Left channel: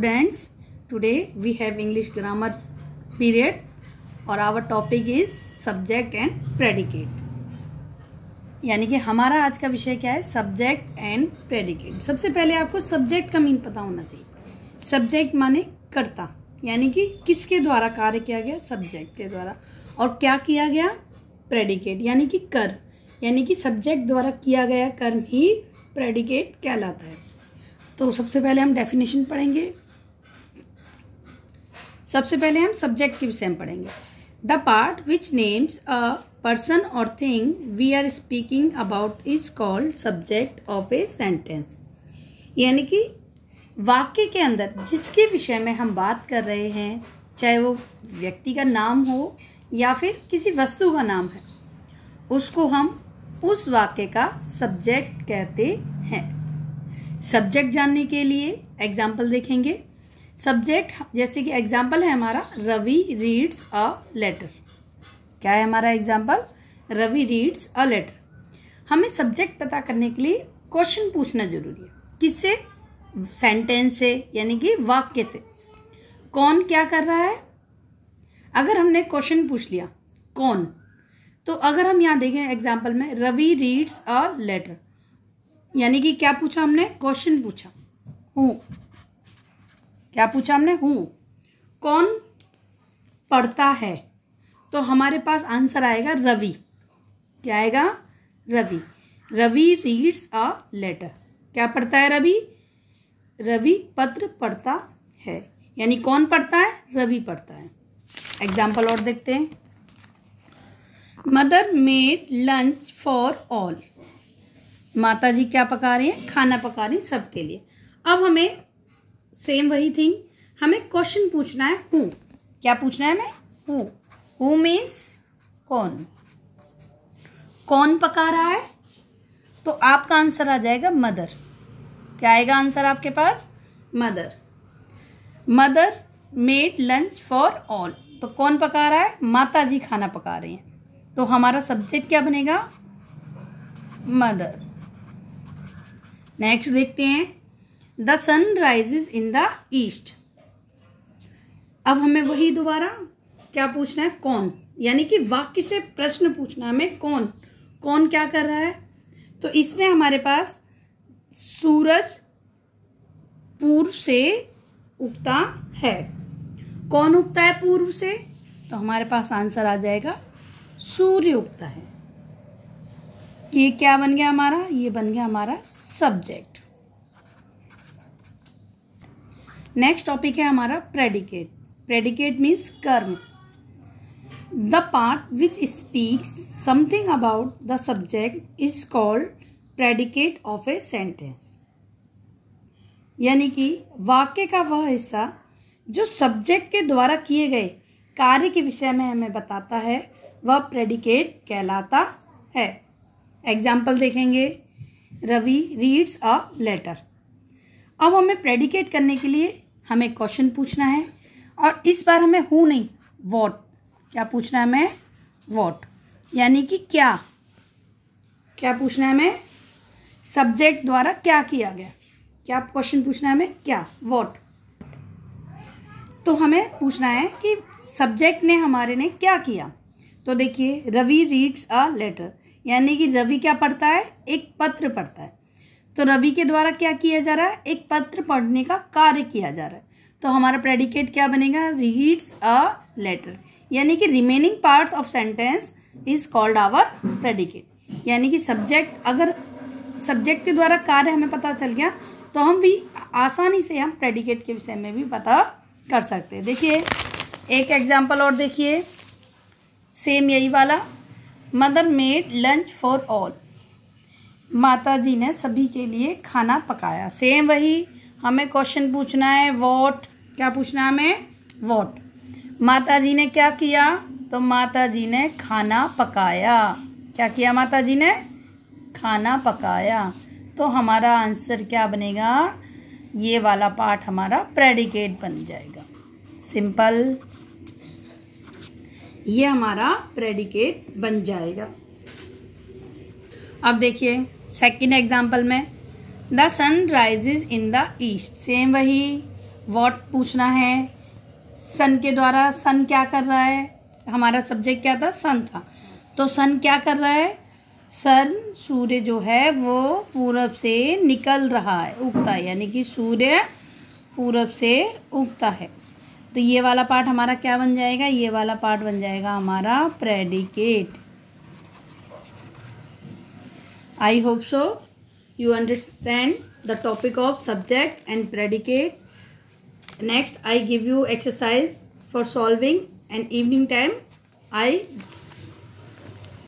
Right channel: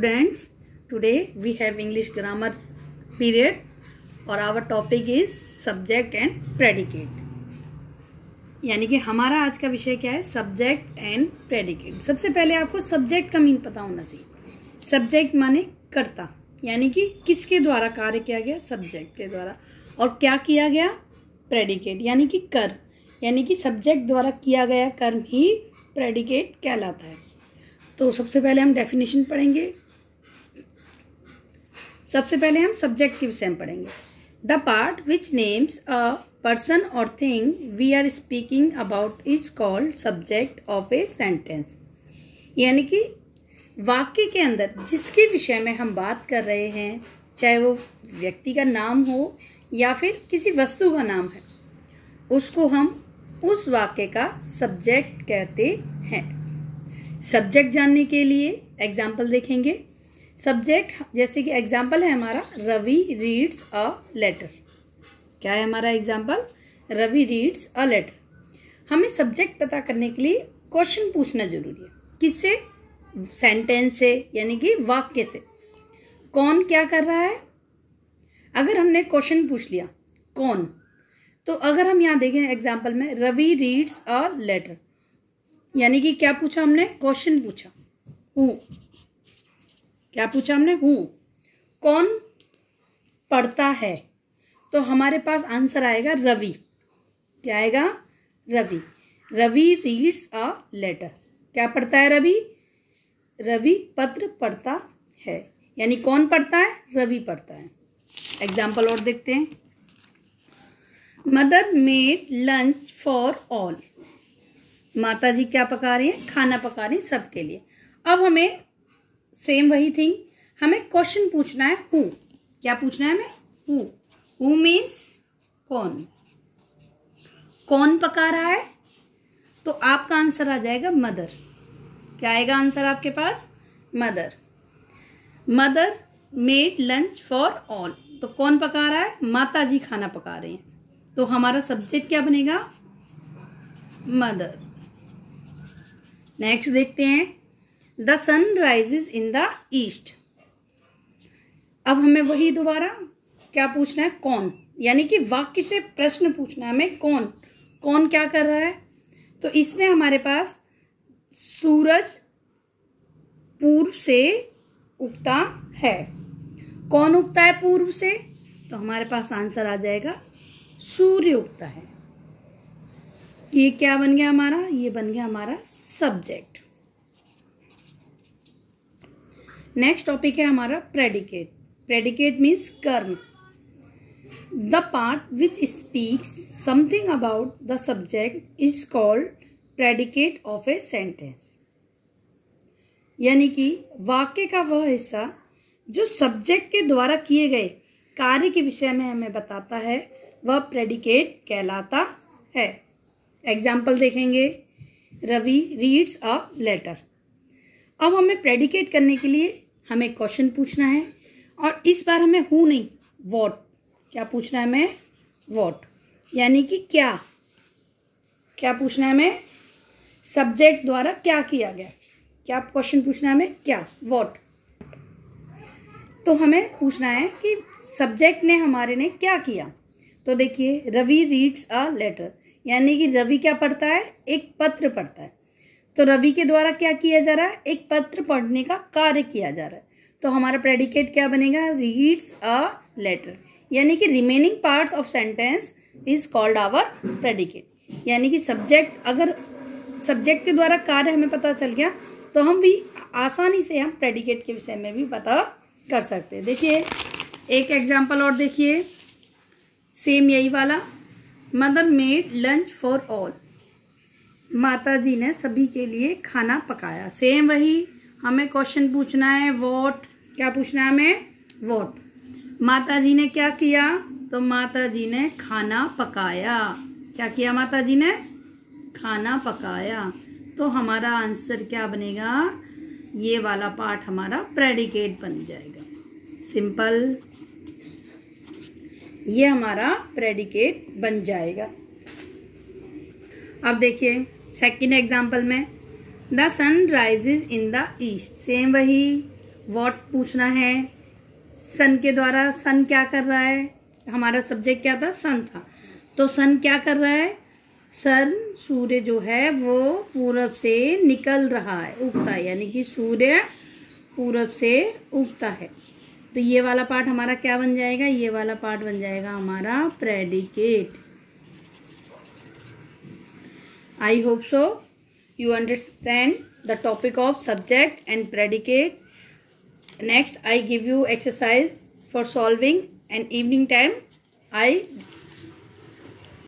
Students, today we have English grammar period और our topic is subject and predicate। यानी कि हमारा आज का विषय क्या है? Subject and predicate. सबसे पहले आपको सब्जेक्ट का मीन पता होना चाहिए। सब्जेक्ट माने कर्ता, यानी कि किसके द्वारा कार्य किया गया? सब्जेक्ट के द्वारा। और क्या किया गया? प्रेडिकेट, यानी कि कर्म, यानी कि सब्जेक्ट द्वारा किया गया कर्म ही प्रेडिकेट कहलाता है। तो सबसे पहले हम डेफिनेशन पढ़ेंगे। सबसे पहले हम सब्जेक्ट के विषय में पढ़ेंगे। The part which names a person or thing we are speaking about is called subject of a sentence. यानी कि वाक्य के अंदर जिसके विषय में हम बात कर रहे हैं, चाहे वो व्यक्ति का नाम हो या फिर किसी वस्तु का नाम है, उसको हम उस वाक्य का सब्जेक्ट कहते हैं। सब्जेक्ट जानने के लिए एग्जाम्पल देखेंगे। सब्जेक्ट जैसे कि एग्जाम्पल है हमारा रवि रीड्स अ लेटर। क्या है हमारा example? Ravi reads a letter. हमें सब्जेक्ट पता करने के लिए क्वेश्चन पूछना जरूरी है। किससे? सेंटेंस से, यानी कि वाक्य से। कौन क्या कर रहा है? अगर हमने क्वेश्चन पूछ लिया कौन, तो अगर हम यहाँ देखें एग्जाम्पल में रवि रीड्स अ लेटर, यानी कि क्या पूछा हमने? क्वेश्चन पूछा। हु, क्या पूछा हमने? हु। कौन पढ़ता है? तो हमारे पास आंसर आएगा रवि। क्या आएगा? Ravi. Ravi reads a letter. क्या पढ़ता है रवि? रवि पत्र पढ़ता है। यानी कौन पढ़ता है? रवि पढ़ता है। एग्जाम्पल और देखते हैं। Mother made lunch for all. माता जी क्या पका रही हैं? खाना पका रही हैं सबके लिए। अब हमें सेम वही थिंग, हमें क्वेश्चन पूछना है हु। क्या पूछना है हमें? हु। हु मीन्स कौन। कौन पका रहा है? तो आपका आंसर आ जाएगा मदर। क्या आएगा आंसर आपके पास? Mother. Mother made lunch for all. तो कौन पका रहा है? माता जी खाना पका रहे हैं। तो हमारा सब्जेक्ट क्या बनेगा? मदर। नेक्स्ट देखते हैं। The sun rises in the east. अब हमें वही दोबारा क्या पूछना है? कौन, यानी कि वाक्य से प्रश्न पूछना है हमें। कौन, कौन क्या कर रहा है? तो इसमें हमारे पास सूरज पूर्व से उगता है। कौन उगता है पूर्व से? तो हमारे पास आंसर आ जाएगा सूर्य उगता है। ये क्या बन गया हमारा? ये बन गया हमारा सब्जेक्ट। नेक्स्ट टॉपिक है हमारा प्रेडिकेट। प्रेडिकेट मीन्स कर्म। The part which speaks something about the subject is called predicate of a sentence. यानी कि वाक्य का वह हिस्सा जो सब्जेक्ट के द्वारा किए गए कार्य के विषय में हमें बताता है, वह प्रेडिकेट कहलाता है। एग्जाम्पल देखेंगे। Ravi reads a letter. अब हमें प्रेडिकेट करने के लिए हमें क्वेश्चन पूछना है, और इस बार हमें हु नहीं, व्हाट। क्या पूछना है हमें? व्हाट, यानी कि क्या। क्या पूछना है हमें? सब्जेक्ट द्वारा क्या किया गया। क्या क्वेश्चन पूछना है हमें? क्या, व्हाट। तो हमें पूछना है कि सब्जेक्ट ने हमारे ने क्या किया। तो देखिए रवि रीड्स अ लेटर, यानी कि रवि क्या पढ़ता है? एक पत्र पढ़ता है। तो रवि के द्वारा क्या किया जा रहा है? एक पत्र पढ़ने का कार्य किया जा रहा है। तो हमारा प्रेडिकेट क्या बनेगा? Reads a letter. यानी कि remaining parts of sentence is called our predicate. यानी कि सब्जेक्ट, अगर सब्जेक्ट के द्वारा कार्य हमें पता चल गया तो हम भी आसानी से हम प्रेडिकेट के विषय में भी पता कर सकते हैं। देखिए एक एग्जाम्पल और देखिए, सेम यही वाला। Mother made lunch for all. माता जी ने सभी के लिए खाना पकाया। सेम वही, हमें क्वेश्चन पूछना है व्हाट। क्या पूछना है हमें? व्हाट। माता जी ने क्या किया? तो माता जी ने खाना पकाया। क्या किया माता जी ने? खाना पकाया। तो हमारा आंसर क्या बनेगा? ये वाला पार्ट हमारा प्रेडिकेट बन जाएगा। सिंपल, ये हमारा प्रेडिकेट बन जाएगा। अब देखिए सेकेंड एग्जाम्पल में, the sun rises in the east. Same वही, व्हाट पूछना है, सन के द्वारा सन क्या कर रहा है, हमारा सब्जेक्ट क्या था, सन था, तो सन क्या कर रहा है, सन सूर्य जो है वो पूरब से निकल रहा है, उगता है, यानी कि सूर्य पूरब से उगता है। तो ये वाला पार्ट हमारा क्या बन जाएगा, ये वाला पार्ट बन जाएगा हमारा predicate. I hope so you understand the topic of subject and predicate. Next I give you exercise for solving, and evening time I